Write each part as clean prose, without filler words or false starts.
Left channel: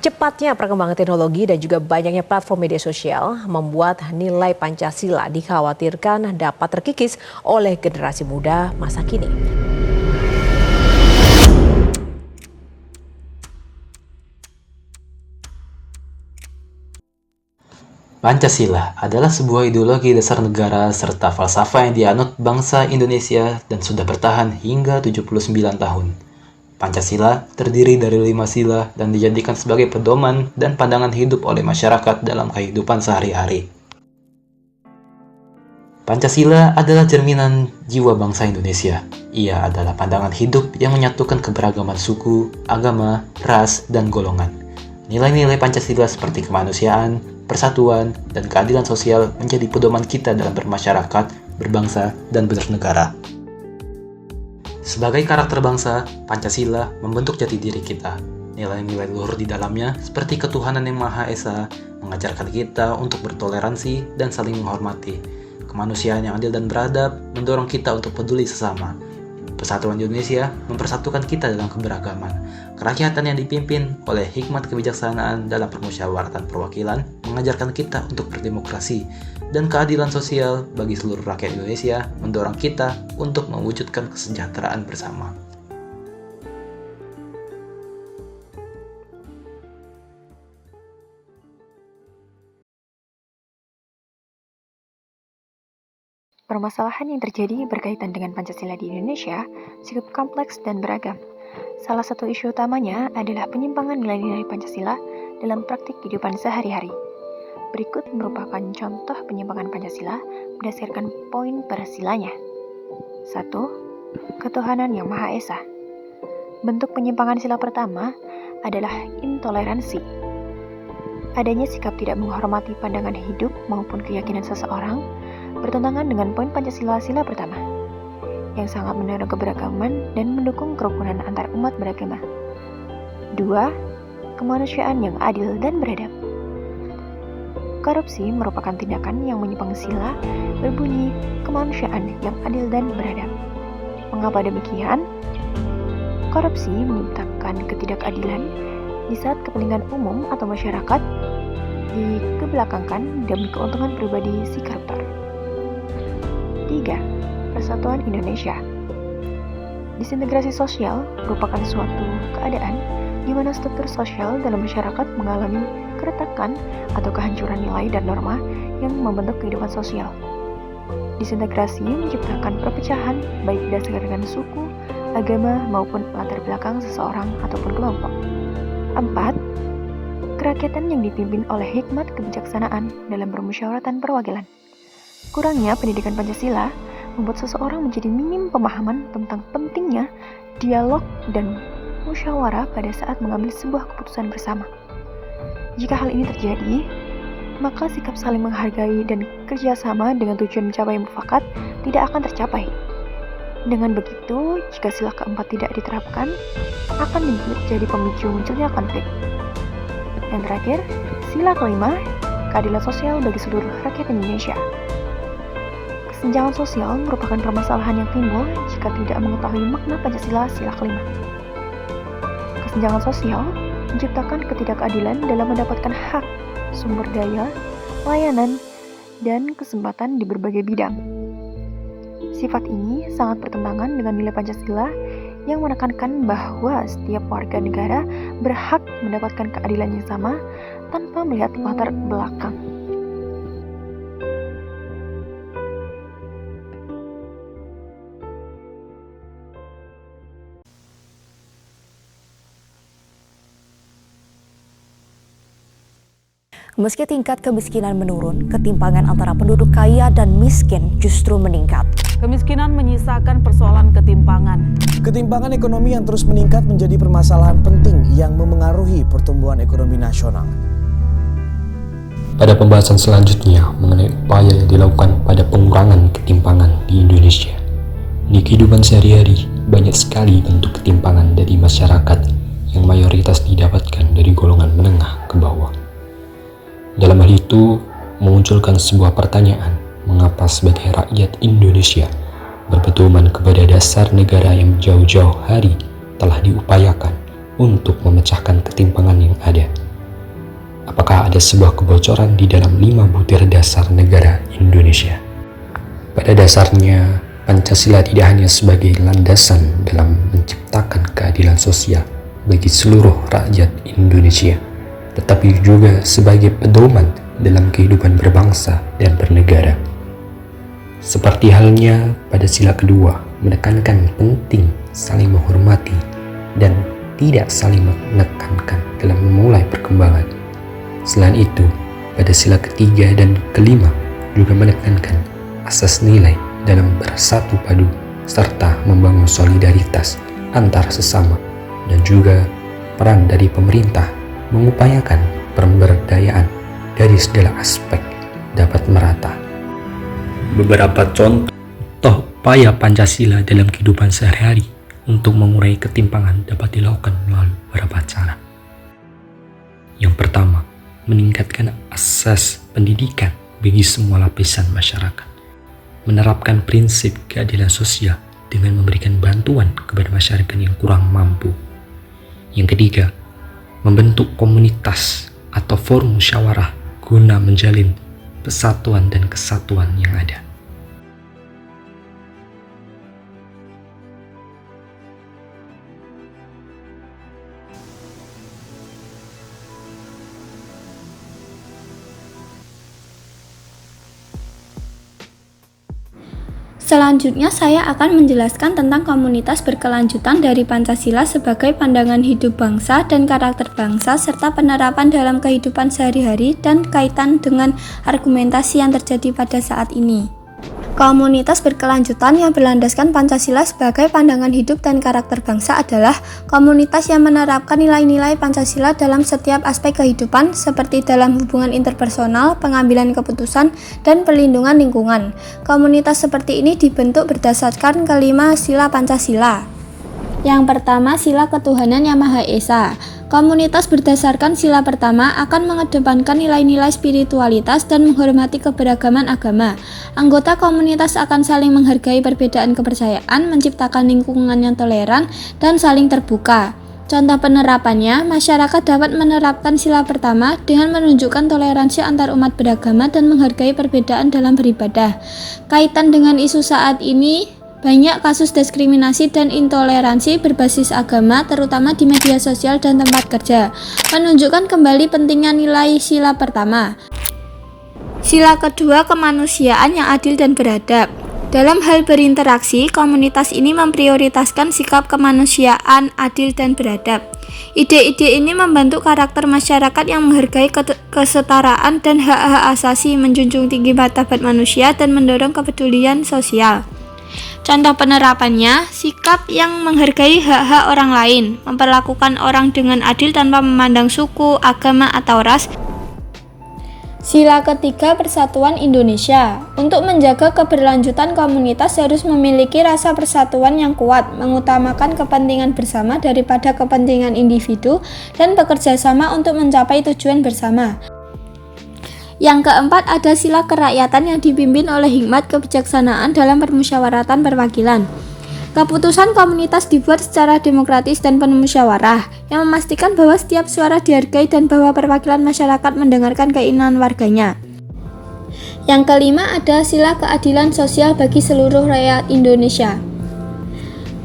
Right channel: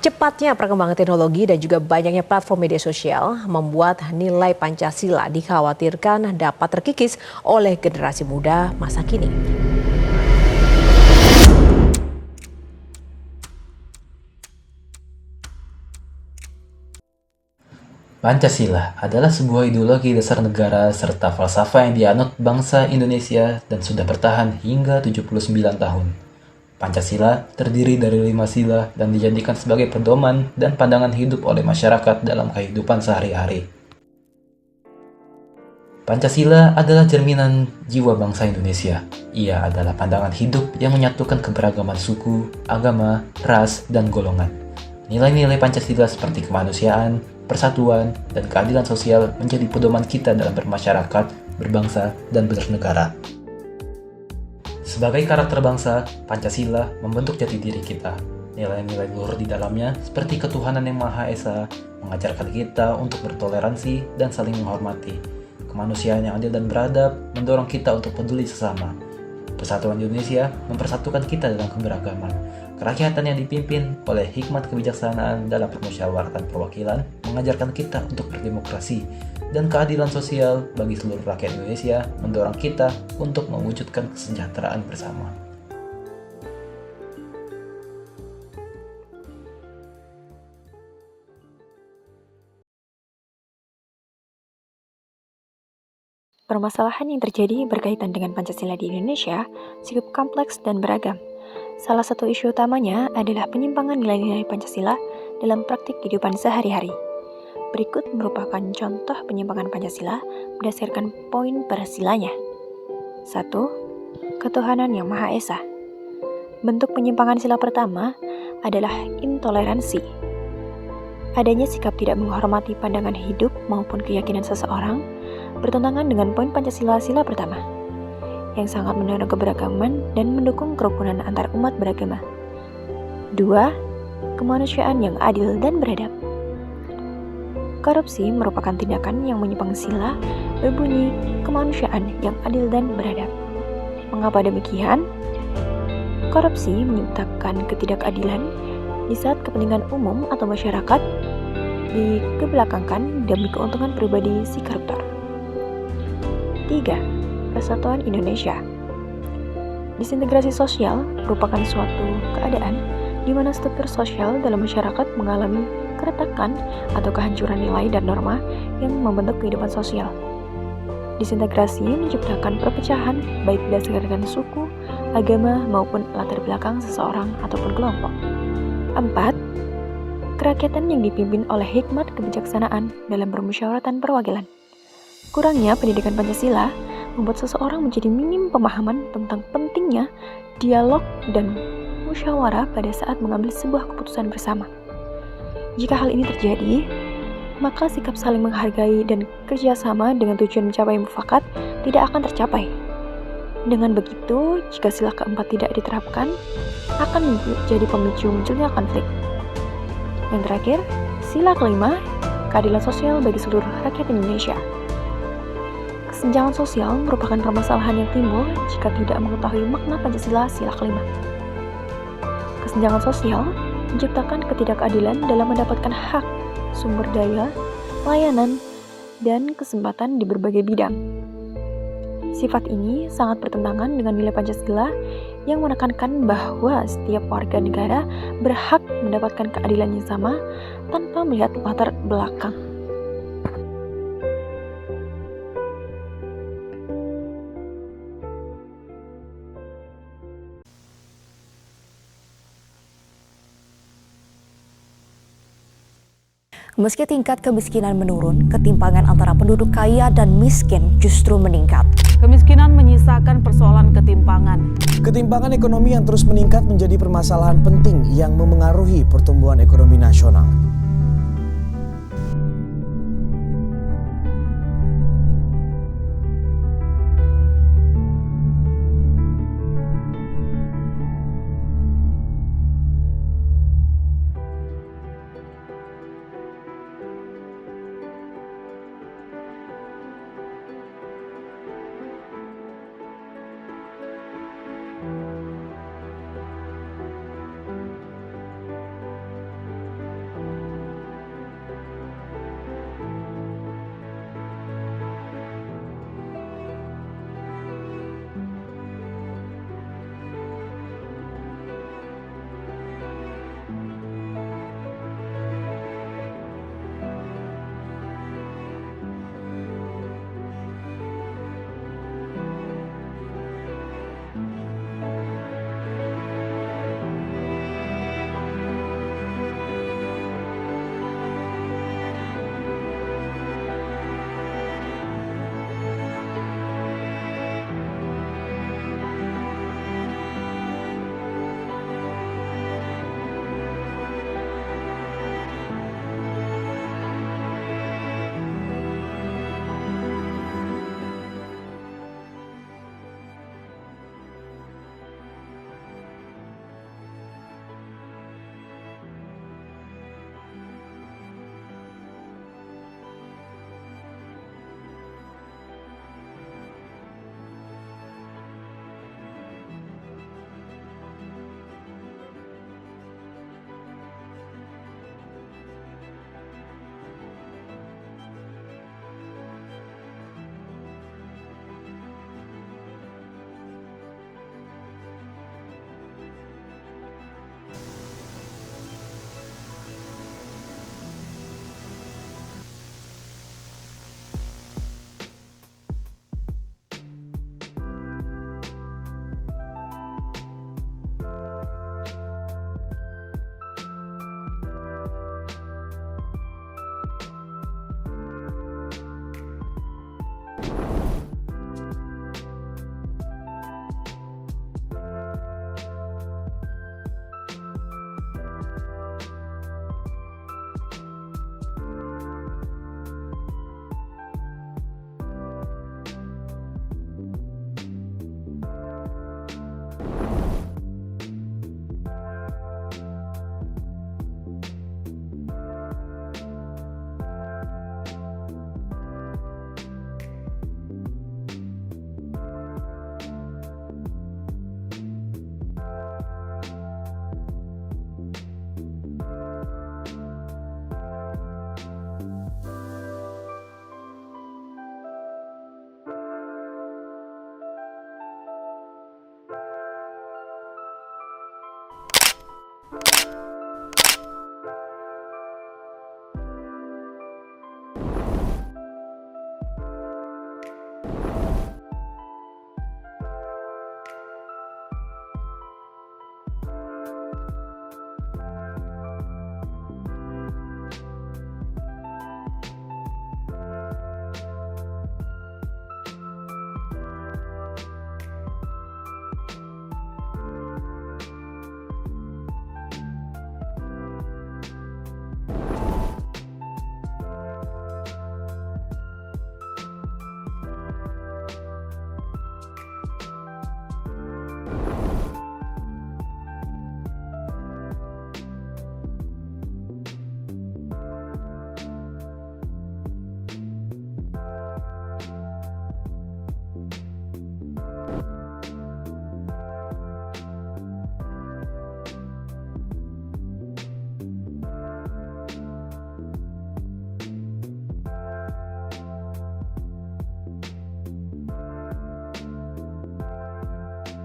Cepatnya perkembangan teknologi dan juga banyaknya platform media sosial membuat nilai Pancasila dikhawatirkan dapat terkikis oleh generasi muda masa kini. Pancasila adalah sebuah ideologi dasar negara serta falsafah yang dianut bangsa Indonesia dan sudah bertahan hingga 79 tahun. Pancasila terdiri dari 5 sila dan dijadikan sebagai pedoman dan pandangan hidup oleh masyarakat dalam kehidupan sehari-hari. Pancasila adalah cerminan jiwa bangsa Indonesia. Ia adalah pandangan hidup yang menyatukan keberagaman suku, agama, ras, dan golongan. Nilai-nilai Pancasila seperti kemanusiaan, persatuan, dan keadilan sosial menjadi pedoman kita dalam bermasyarakat, berbangsa, dan bernegara. Sebagai karakter bangsa, Pancasila membentuk jati diri kita. Nilai-nilai luhur di dalamnya, seperti ketuhanan yang Maha Esa, mengajarkan kita untuk bertoleransi dan saling menghormati. Kemanusiaan yang adil dan beradab mendorong kita untuk peduli sesama. Persatuan Indonesia mempersatukan kita dalam keberagaman. Kerakyatan yang dipimpin oleh hikmat kebijaksanaan dalam permusyawaratan perwakilan mengajarkan kita untuk berdemokrasi, dan keadilan sosial bagi seluruh rakyat Indonesia mendorong kita untuk mewujudkan kesejahteraan bersama. Permasalahan yang terjadi berkaitan dengan Pancasila di Indonesia cukup kompleks dan beragam. Salah satu isu utamanya adalah penyimpangan nilai-nilai Pancasila dalam praktik kehidupan sehari-hari. Berikut merupakan contoh penyimpangan Pancasila berdasarkan poin per silanya. 1. Ketuhanan yang Maha Esa. Bentuk penyimpangan sila pertama adalah intoleransi. Adanya sikap tidak menghormati pandangan hidup maupun keyakinan seseorang bertentangan dengan poin Pancasila sila pertama, yang sangat mendorong keberagaman dan mendukung kerukunan antar umat beragama. 2. Kemanusiaan yang adil dan beradab. Korupsi merupakan tindakan yang menyimpang sila berbunyi kemanusiaan yang adil dan beradab. Mengapa demikian? Korupsi menciptakan ketidakadilan di saat kepentingan umum atau masyarakat dikebelakangkan demi keuntungan pribadi si koruptor. 3. Persatuan Indonesia. Disintegrasi sosial merupakan suatu keadaan di mana struktur sosial dalam masyarakat mengalami keretakan atau kehancuran nilai dan norma yang membentuk kehidupan sosial. Disintegrasi menciptakan perpecahan baik berdasarkan suku, agama, maupun latar belakang seseorang ataupun kelompok. 4. Kerakyatan yang dipimpin oleh hikmat kebijaksanaan dalam permusyawaratan perwakilan. Kurangnya pendidikan Pancasila membuat seseorang menjadi minim pemahaman tentang pentingnya dialog dan musyawarah pada saat mengambil sebuah keputusan bersama. Jika hal ini terjadi, maka sikap saling menghargai dan kerjasama dengan tujuan mencapai mufakat tidak akan tercapai. Dengan begitu, jika sila keempat tidak diterapkan, akan menjadi pemicu munculnya konflik. Yang terakhir, sila kelima, keadilan sosial bagi seluruh rakyat Indonesia. Kesenjangan sosial merupakan permasalahan yang timbul jika tidak mengetahui makna Pancasila sila kelima. Kesenjangan sosial menciptakan ketidakadilan dalam mendapatkan hak, sumber daya, layanan, dan kesempatan di berbagai bidang. Sifat ini sangat bertentangan dengan nilai Pancasila yang menekankan bahwa setiap warga negara berhak mendapatkan keadilan yang sama tanpa melihat latar belakang. Meski tingkat kemiskinan menurun, ketimpangan antara penduduk kaya dan miskin justru meningkat. Kemiskinan menyisakan persoalan ketimpangan. Ketimpangan ekonomi yang terus meningkat menjadi permasalahan penting yang memengaruhi pertumbuhan ekonomi nasional. Pada pembahasan selanjutnya mengenai upaya yang dilakukan pada pengurangan ketimpangan di Indonesia. Di kehidupan sehari-hari, banyak sekali bentuk ketimpangan dari masyarakat yang mayoritas didapatkan dari golongan menengah ke bawah. Dalam hal itu, memunculkan sebuah pertanyaan, mengapa sebagai rakyat Indonesia berpedoman kepada dasar negara yang jauh-jauh hari telah diupayakan untuk memecahkan ketimpangan yang ada. apakah ada sebuah kebocoran di dalam 5 butir dasar negara Indonesia. Pada dasarnya, Pancasila tidak hanya sebagai landasan dalam menciptakan keadilan sosial bagi seluruh rakyat Indonesia, tetapi juga sebagai pedoman dalam kehidupan berbangsa dan bernegara. Seperti halnya pada sila kedua, menekankan penting saling menghormati dan tidak saling menekankan dalam memulai perkembangan. Selain itu, pada sila ketiga dan kelima juga menekankan asas nilai dalam bersatu padu serta membangun solidaritas antar sesama, dan juga peran dari pemerintah mengupayakan pemberdayaan dari segala aspek dapat merata. Beberapa contoh upaya Pancasila dalam kehidupan sehari-hari untuk mengurai ketimpangan dapat dilakukan melalui beberapa cara. Yang pertama, meningkatkan akses pendidikan bagi semua lapisan masyarakat. Menerapkan prinsip keadilan sosial dengan memberikan bantuan kepada masyarakat yang kurang mampu. Yang ketiga, membentuk komunitas atau forum musyawarah guna menjalin persatuan dan kesatuan yang ada. Selanjutnya saya akan menjelaskan tentang komunitas berkelanjutan dari Pancasila sebagai pandangan hidup bangsa dan karakter bangsa serta penerapan dalam kehidupan sehari-hari dan kaitan dengan argumentasi yang terjadi pada saat ini. Komunitas berkelanjutan yang berlandaskan Pancasila sebagai pandangan hidup dan karakter bangsa adalah komunitas yang menerapkan nilai-nilai Pancasila dalam setiap aspek kehidupan seperti dalam hubungan interpersonal, pengambilan keputusan, dan perlindungan lingkungan. Komunitas seperti ini dibentuk berdasarkan kelima sila Pancasila. Yang pertama, sila ketuhanan yang Maha Esa. Komunitas berdasarkan sila pertama akan mengedepankan nilai-nilai spiritualitas dan menghormati keberagaman agama. Anggota komunitas akan saling menghargai perbedaan kepercayaan, menciptakan lingkungan yang toleran, dan saling terbuka. Contoh penerapannya, masyarakat dapat menerapkan sila pertama dengan menunjukkan toleransi antar umat beragama dan menghargai perbedaan dalam beribadah. Kaitan dengan isu saat ini, banyak kasus diskriminasi dan intoleransi berbasis agama, terutama di media sosial dan tempat kerja, menunjukkan kembali pentingnya nilai sila pertama. Sila kedua, kemanusiaan yang adil dan beradab. Dalam hal berinteraksi, komunitas ini memprioritaskan sikap kemanusiaan, adil, dan beradab. Ide-ide ini membantu karakter masyarakat yang menghargai kesetaraan dan hak-hak asasi, menjunjung tinggi martabat manusia, dan mendorong kepedulian sosial. Contoh penerapannya, sikap yang menghargai hak-hak orang lain, memperlakukan orang dengan adil tanpa memandang suku, agama, atau ras. Sila ketiga, persatuan Indonesia. Untuk menjaga keberlanjutan komunitas harus memiliki rasa persatuan yang kuat, mengutamakan kepentingan bersama daripada kepentingan individu, dan bekerja sama untuk mencapai tujuan bersama. Yang keempat, ada sila kerakyatan yang dipimpin oleh hikmat kebijaksanaan dalam permusyawaratan perwakilan. Keputusan komunitas dibuat secara demokratis dan penuh musyawarah, yang memastikan bahwa setiap suara dihargai dan bahwa perwakilan masyarakat mendengarkan keinginan warganya. Yang kelima, ada sila keadilan sosial bagi seluruh rakyat Indonesia.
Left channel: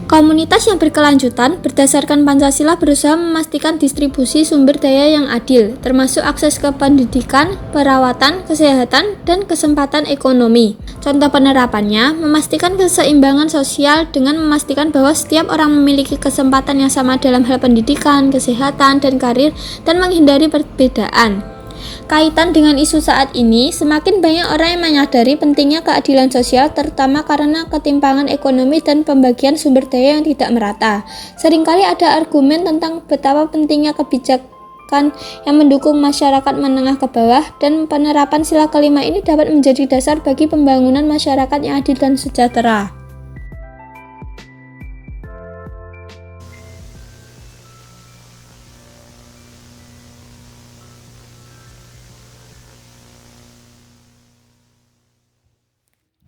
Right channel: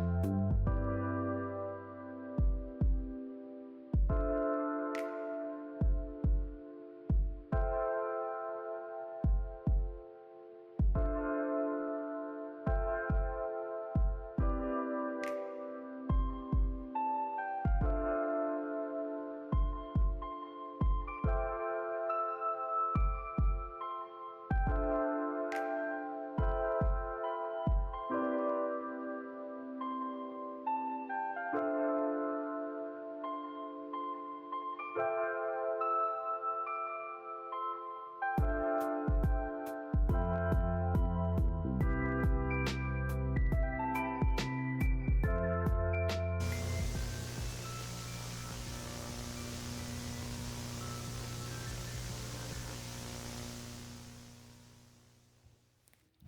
Komunitas yang berkelanjutan berdasarkan Pancasila berusaha memastikan distribusi sumber daya yang adil, termasuk akses ke pendidikan, perawatan, kesehatan, dan kesempatan ekonomi. Contoh penerapannya, memastikan keseimbangan sosial dengan memastikan bahwa setiap orang memiliki kesempatan yang sama dalam hal pendidikan, kesehatan, dan karir, dan menghindari perbedaan. Kaitan dengan isu saat ini, semakin banyak orang yang menyadari pentingnya keadilan sosial, terutama karena ketimpangan ekonomi dan pembagian sumber daya yang tidak merata. Seringkali ada argumen tentang betapa pentingnya kebijakan yang mendukung masyarakat menengah ke bawah, dan penerapan sila kelima ini dapat menjadi dasar bagi pembangunan masyarakat yang adil dan sejahtera.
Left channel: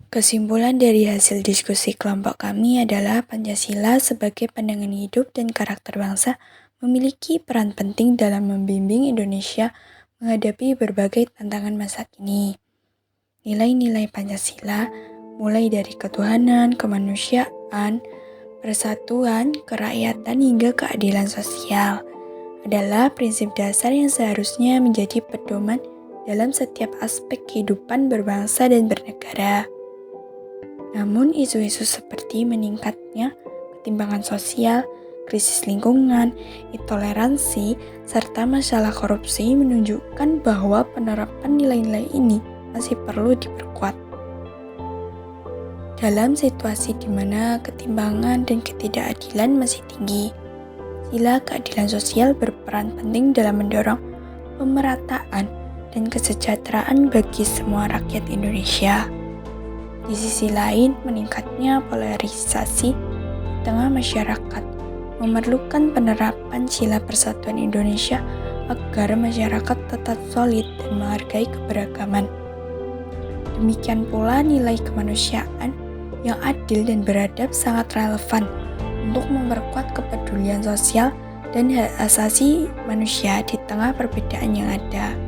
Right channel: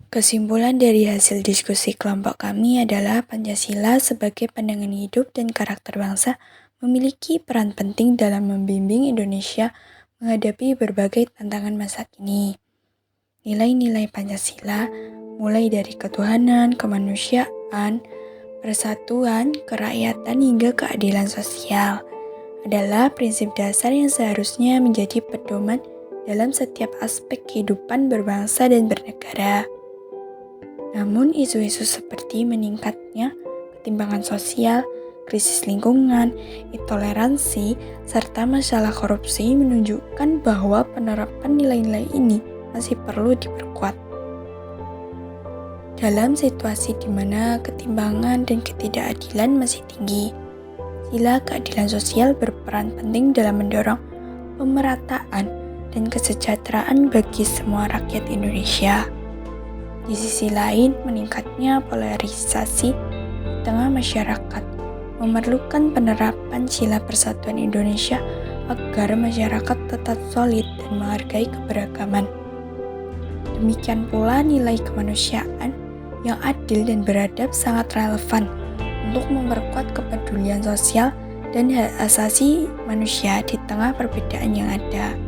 Kesimpulan dari hasil diskusi kelompok kami adalah Pancasila sebagai pandangan hidup dan karakter bangsa memiliki peran penting dalam membimbing Indonesia menghadapi berbagai tantangan masa kini. Nilai-nilai Pancasila, mulai dari ketuhanan, kemanusiaan, persatuan, kerakyatan, hingga keadilan sosial, adalah prinsip dasar yang seharusnya menjadi pedoman dalam setiap aspek kehidupan berbangsa dan bernegara. Namun, isu-isu seperti meningkatnya ketimpangan sosial, krisis lingkungan, intoleransi, serta masalah korupsi menunjukkan bahwa penerapan nilai-nilai ini masih perlu diperkuat. Dalam situasi di mana ketimpangan dan ketidakadilan masih tinggi, sila keadilan sosial berperan penting dalam mendorong pemerataan dan kesejahteraan bagi semua rakyat Indonesia. Di sisi lain, meningkatnya polarisasi di tengah masyarakat memerlukan penerapan sila persatuan Indonesia agar masyarakat tetap solid dan menghargai keberagaman. Demikian pula nilai kemanusiaan yang adil dan beradab sangat relevan untuk memperkuat kepedulian sosial dan hak asasi manusia di tengah perbedaan yang ada.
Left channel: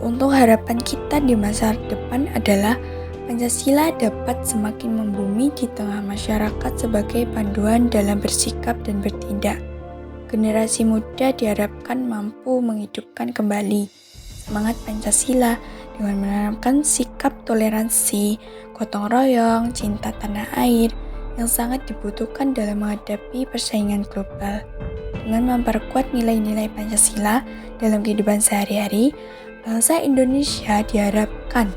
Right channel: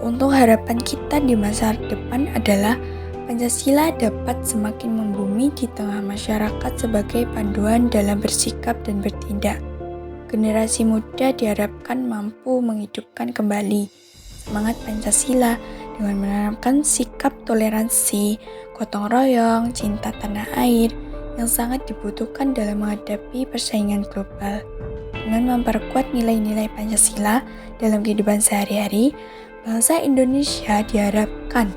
Untuk harapan kita di masa depan adalah Pancasila dapat semakin membumi di tengah masyarakat sebagai panduan dalam bersikap dan bertindak. Generasi muda diharapkan mampu menghidupkan kembali semangat Pancasila dengan menanamkan sikap toleransi, gotong royong, cinta tanah air yang sangat dibutuhkan dalam menghadapi persaingan global. Dengan memperkuat nilai-nilai Pancasila dalam kehidupan sehari-hari, bangsa Indonesia diharapkan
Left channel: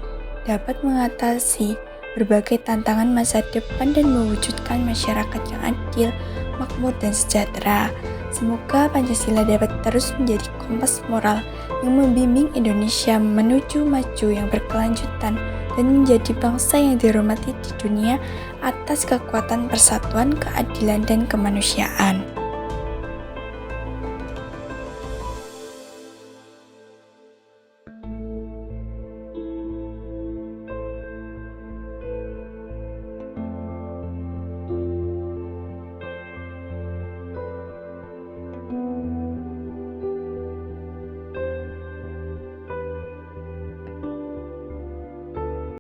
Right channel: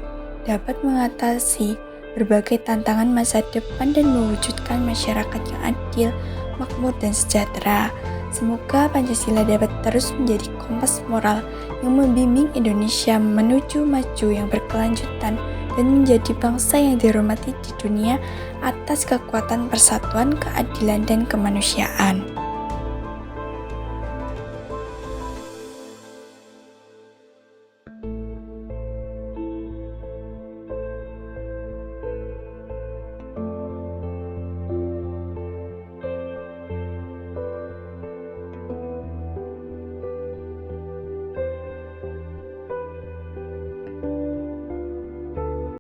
dapat mengatasi berbagai tantangan masa depan dan mewujudkan masyarakat yang adil, makmur, dan sejahtera. Semoga Pancasila dapat terus menjadi kompas moral yang membimbing Indonesia menuju maju yang berkelanjutan dan menjadi bangsa yang dihormati di dunia atas kekuatan persatuan, keadilan, dan kemanusiaan.